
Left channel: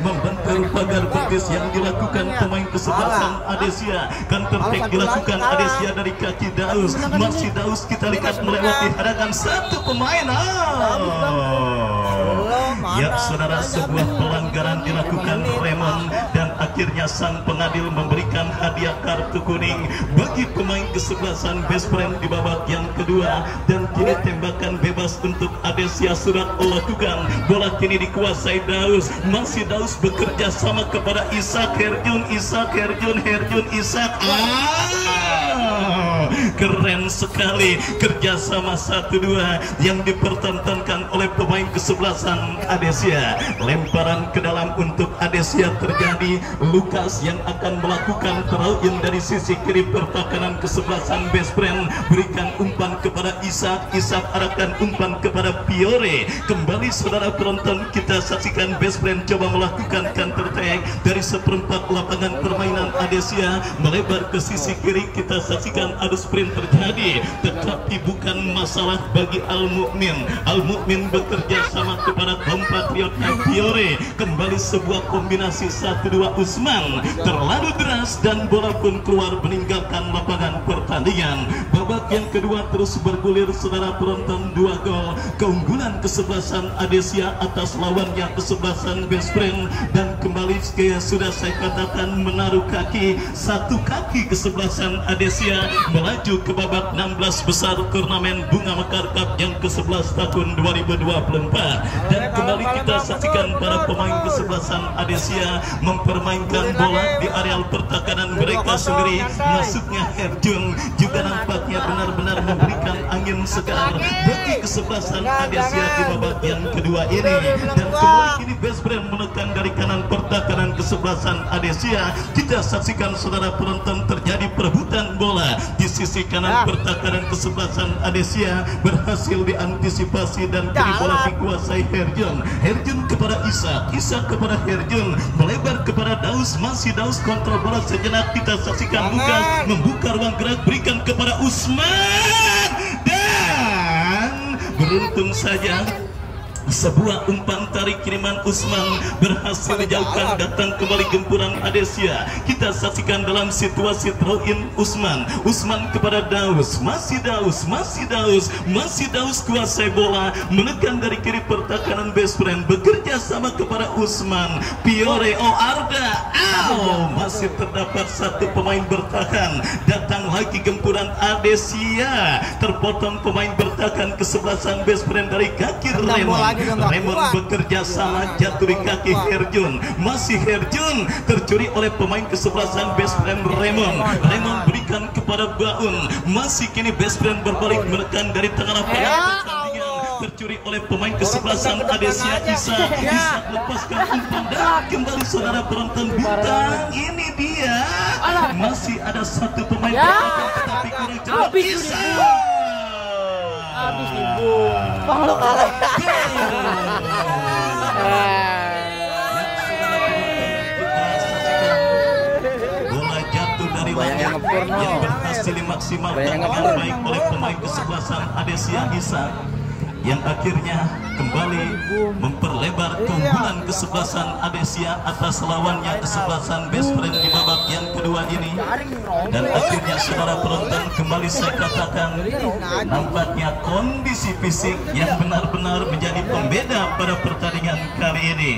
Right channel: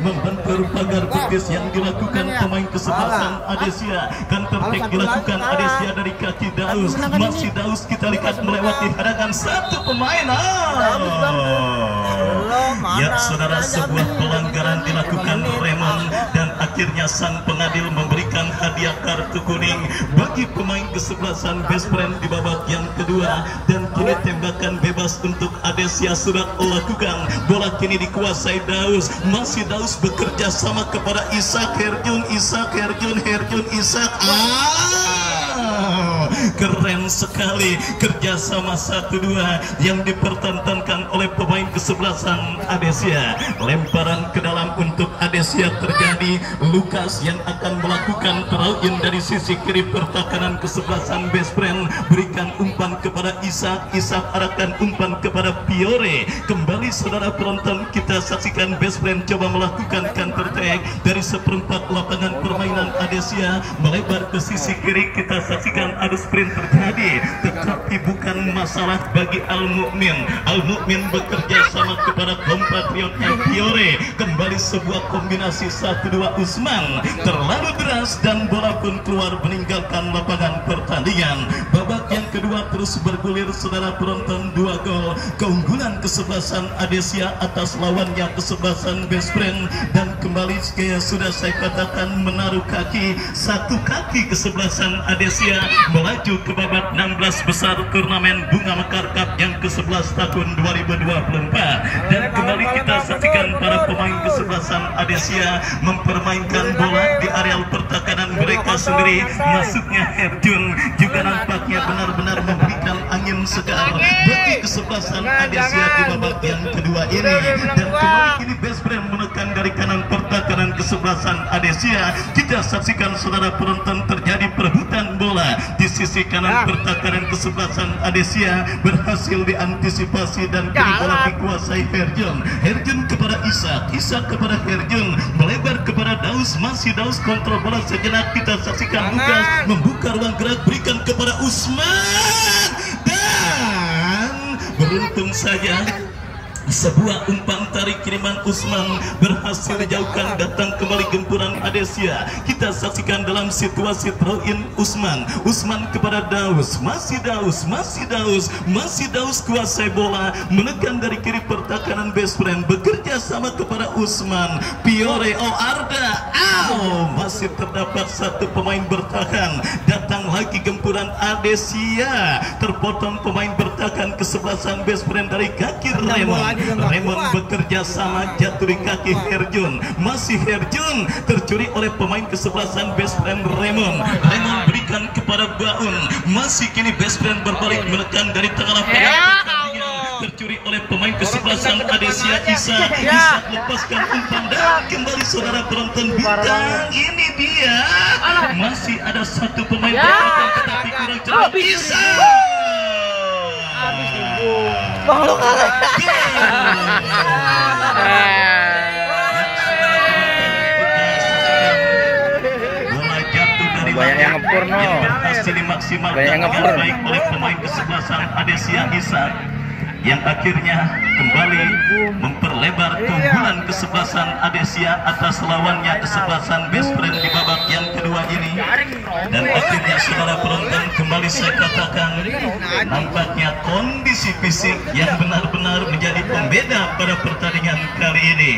membongkar pagar betis yang dilakukan pemain kesebelasan Adesia. Counter-attack dilakukan Adesia dari kaki Daus. Masih Daus kita lihat melewati hadangan satu pemain. Ya saudara, sebuah pelanggaran dilakukan Raymond dan akhirnya sang pengadil memberikan hadiah kartu kuning bagi pemain kesebelasan Best Friend di babak yang kedua. Dan kini tembakan bebas untuk Adesia sudah lakukan. Bola kini dikuasai Daus. Masih Daus bekerja sama kepada Ishak Herjun. Keren sekali kerjasama 1-2 yang dipertontonkan oleh pemain kesebelasan Adesia. Lemparan ke dalam untuk Adesia terjadi. Lukas yang akan melakukan throw-in dari sisi kiri pertahanan kesebelasan Best Friend. Berikan umpan kepada Ishak arahkan umpan kepada Fiore. Kembali saudara penonton, kita saksikan Best Friend coba melakukan counter attack dari seperempat lapangan permainan Adesia melebar ke sisi kiri. Kita saksikan adu sprint terjadi, tetapi bukan masalah bagi Al-Mu'min. Al-Mu'min bekerja sama kepada kompatriotnya Fiore. Kembali sebuah kombinasi 1-2 Usman terlalu deras dan bola pun keluar meninggalkan lapangan pertandingan. Babak yang kedua terus bergulir saudara penonton, 2 gol keunggulan kesebelasan Adesia atas lawannya kesebelasan Best Friend. Dan kembali sudah saya katakan menaruh kaki, satu kaki kesebelasan Adesia melaju ke babak 16 besar turnamen Bunga Mekar Cup yang ke-11 tahun 2024. Dan kembali kita saksikan para pemain kesebelasan Adesia mempermainkan bola di areal pertahanan mereka sendiri. Masuknya Herjun juga nampaknya benar-benar memberikan angin segar bagi kesebelasan Adesia di babak yang kedua ini. Dan kembali kini Best Friend menekan dari kanan pertahanan kesebelasan Adesia. Kita saksikan saudara penonton terjadi perebutan bola di sisi kanan pertahanan kesebelasan Adesia, berhasil diantisipasi dan kini bola dikuasai Herjun kepada Ishak kepada Herjun, melebar kepada Daus. Masih Daus kontrol bola sejenak. Kita saksikan Lukas membuka ruang gerak, berikan kepada Usman dan beruntung saja sebuah umpan tarik kiriman Usman berhasil dijauhkan. Datang kembali gempuran Adesia. Kita saksikan dalam situasi throw-in Usman kepada Daus. Masih Daus kuasai bola, menekan dari kiri pertahanan Best Friend, bekerja sama kepada Usman. Fiore, Arda, masih terdapat satu pemain bertahan. Datang lagi gempuran Adesia, terpotong pemain bertahan kesebelasan Best Friend dari kaki Raymond bekerja sama, jatuh di kaki Herjun. Masih Herjun tercuri oleh pemain kesebelasan Best Friend Raymond berikan kepada Baun. Masih kini Best Friend berbalik menekan dari tengah lapangan pertandingan, tercuri oleh pemain kesebelasan Adesia. Ishak lepaskan umpan dan kembali saudara penonton, bintang ini dia. Masih ada satu pemain bertahan tetapi kurang cepat. Ishak bola jatuh dari banyak yang ngepurno, masih dimaksimalkan dengan baik oleh pemain kesebelasan Adesia Ishak yang akhirnya kembali memperlebar keunggulan kesebelasan Adesia atas lawannya kesebelasan Best Friend di babak yang kedua ini. Dan akhirnya saudara penonton, kembali saya katakan nampaknya kondisi fisik yang benar-benar menjadi pembeda pada pertandingan kali ini.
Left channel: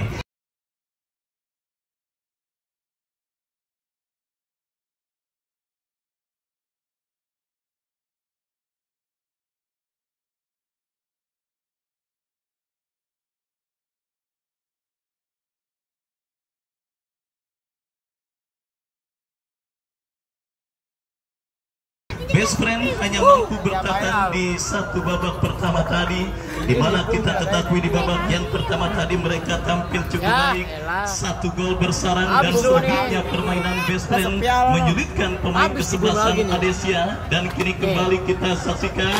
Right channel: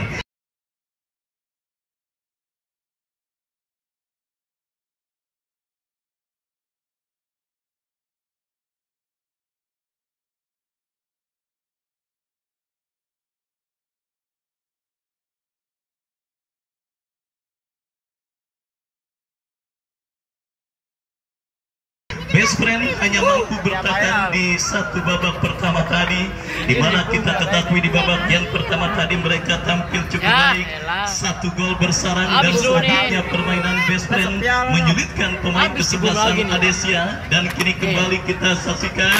Best Friend hanya mampu bertahan di satu babak pertama tadi, di mana kita ketahui di babak yang pertama tadi mereka tampil cukup baik, 1 gol bersarang. Dan selanjutnya permainan Best Friend menyulitkan pemain kesebelasan Adesia. Dan kini kembali kita saksikan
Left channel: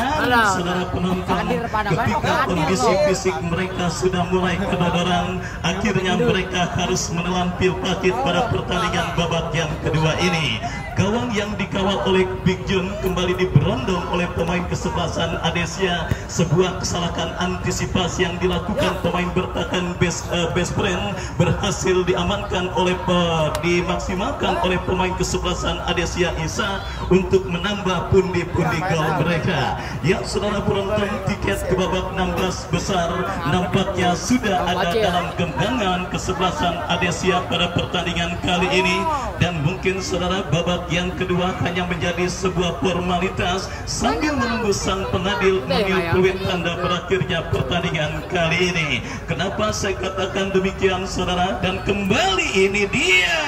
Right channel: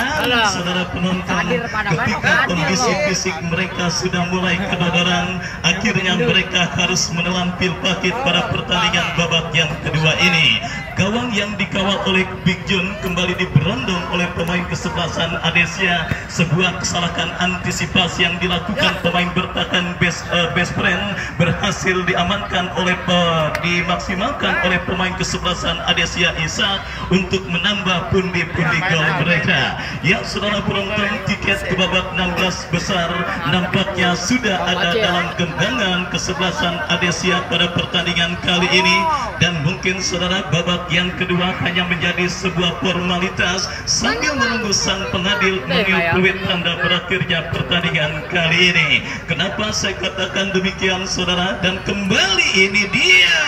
saudara penonton, ketika kondisi fisik mereka sudah mulai kedodoran, akhirnya mereka harus menelan pil pahit pada pertandingan babak yang kedua ini. Gawang yang dikawal oleh Big John kembali diberondong oleh pemain kesebelasan Adesia. Sebuah kesalahan antisipasi yang dilakukan pemain bertahan best friend berhasil diamankan oleh dimaksimalkan oleh pemain kesebelasan Adesia Isa untuk menambah pundi-pundi gol mereka. Ya saudara penonton, tiket ke babak 16 besar nampaknya sudah ada dalam genggaman kesebelasan Adesia pada pertandingan kali ini, dan mungkin saudara babak yang kedua hanya menjadi sebuah formalitas sambil menunggu sang pengadil meniup peluit tanda berakhirnya pertandingan kali ini. Kenapa saya katakan demikian saudara? Dan kembali ini dia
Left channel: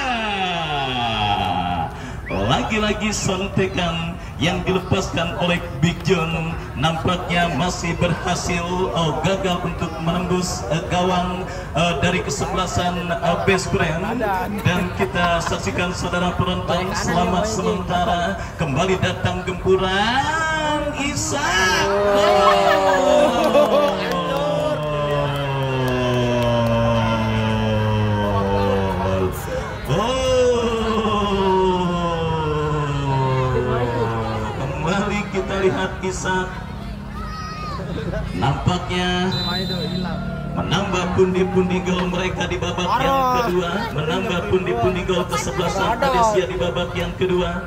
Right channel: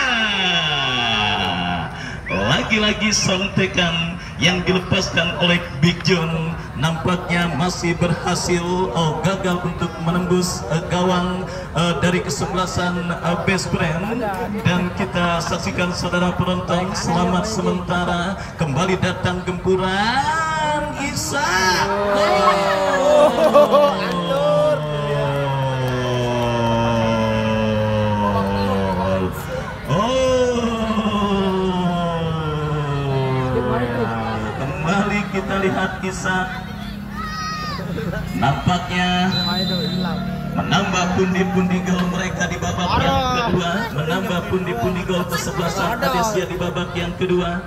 lagi-lagi sontekan yang dilepaskan oleh Big John nampaknya masih berhasil gagal untuk menembus gawang dari kesebelasan best friend, dan kita saksikan saudara penonton selamat sementara kembali datang gempuran Isa. Kita lihat Isa nampaknya menambah pundi-pundi gol mereka di babak yang kedua, menambah pundi-pundi gol kesebelasan Adesia di babak yang kedua.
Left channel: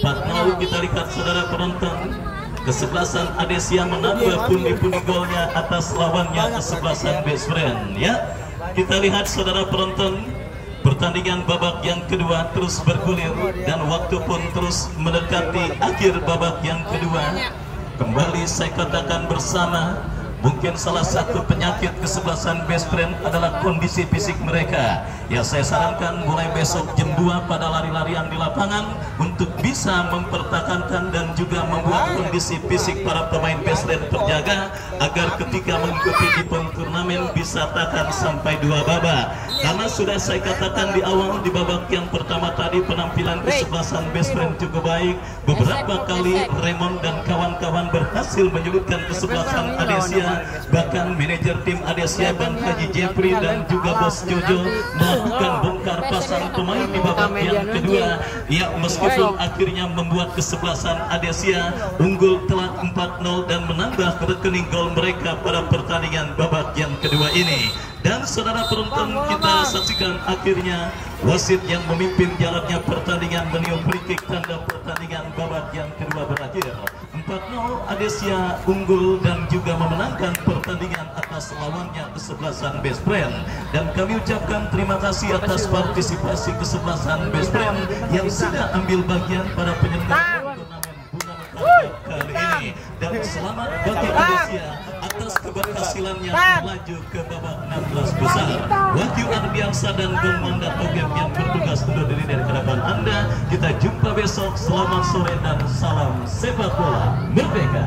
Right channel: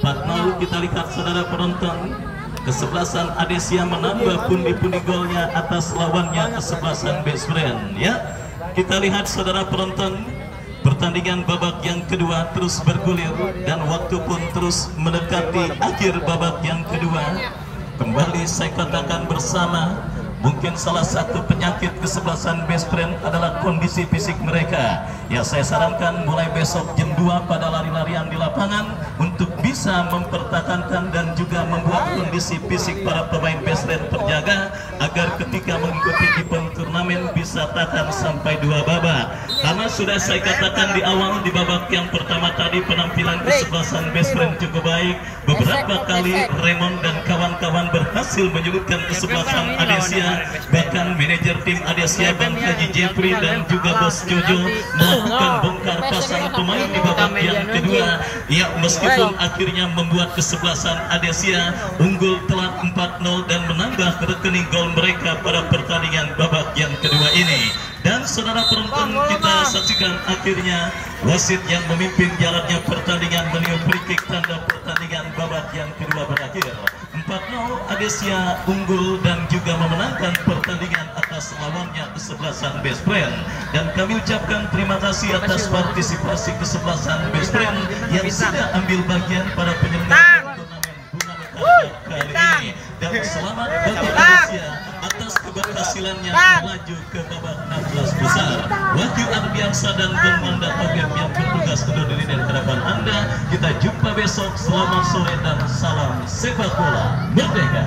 Mau kita lihat saudara penonton, kesebelasan Adesia menambah pundi-pundi golnya atas lawannya kesebelasan best friend. Ya, kita lihat saudara penonton, pertandingan babak yang kedua terus bergulir dan waktu pun terus mendekati akhir babak yang kedua. Kembali saya katakan bersama, mungkin salah satu penyakit kesebelasan best friend adalah kondisi fisik mereka. Ya, saya sarankan mulai besok jam 2 pada lari-larian di lapangan untuk bisa mempertahankan dan juga membuat kondisi fisik para pemain best friend terjaga agar ketika mengikuti event turnamen bisa tahan sampai 2 babak. Karena sudah saya katakan di awal di babak yang pertama tadi penampilan kesebelasan best friend cukup baik. Beberapa kali Raymond dan kawan-kawan berhasil menyulitkan kesebelasan Adesia. Bahkan manajer tim Adesia Bang Haji Jeffrey dan juga Bos Jojo melakukan bongkar pasang pemain di babak yang kedua. Ya, meskipun akhirnya membuat kesebelasan Adesia unggul telak 4-0 dan menambah rekening gol mereka pada pertandingan babak yang kedua ini. Dan saudara penonton, kita saksikan akhirnya wasit yang memimpin jalannya pertandingan meniup free kick tanda pertandingan babak yang kedua berakhir 4-0. Adesia unggul dan juga memenangkan pertandingan atas lawannya kesebelasan best friend. Dan kami ucapkan terima kasih atas partisipasi kesebelasan best friend yang sudah ambil bagian pada penyelenggaraan turnamen Bunga Mekar kali ini. Dan selamat bagi Adesia atas keberhasilannya melaju ke babak 16 besar. Wahyu Ardiansa dan Don Manda Tobiak yang bertugas undur diri dari hadapan Anda. Kita jumpa besok. Selamat sore dan salam sepak bola merdeka.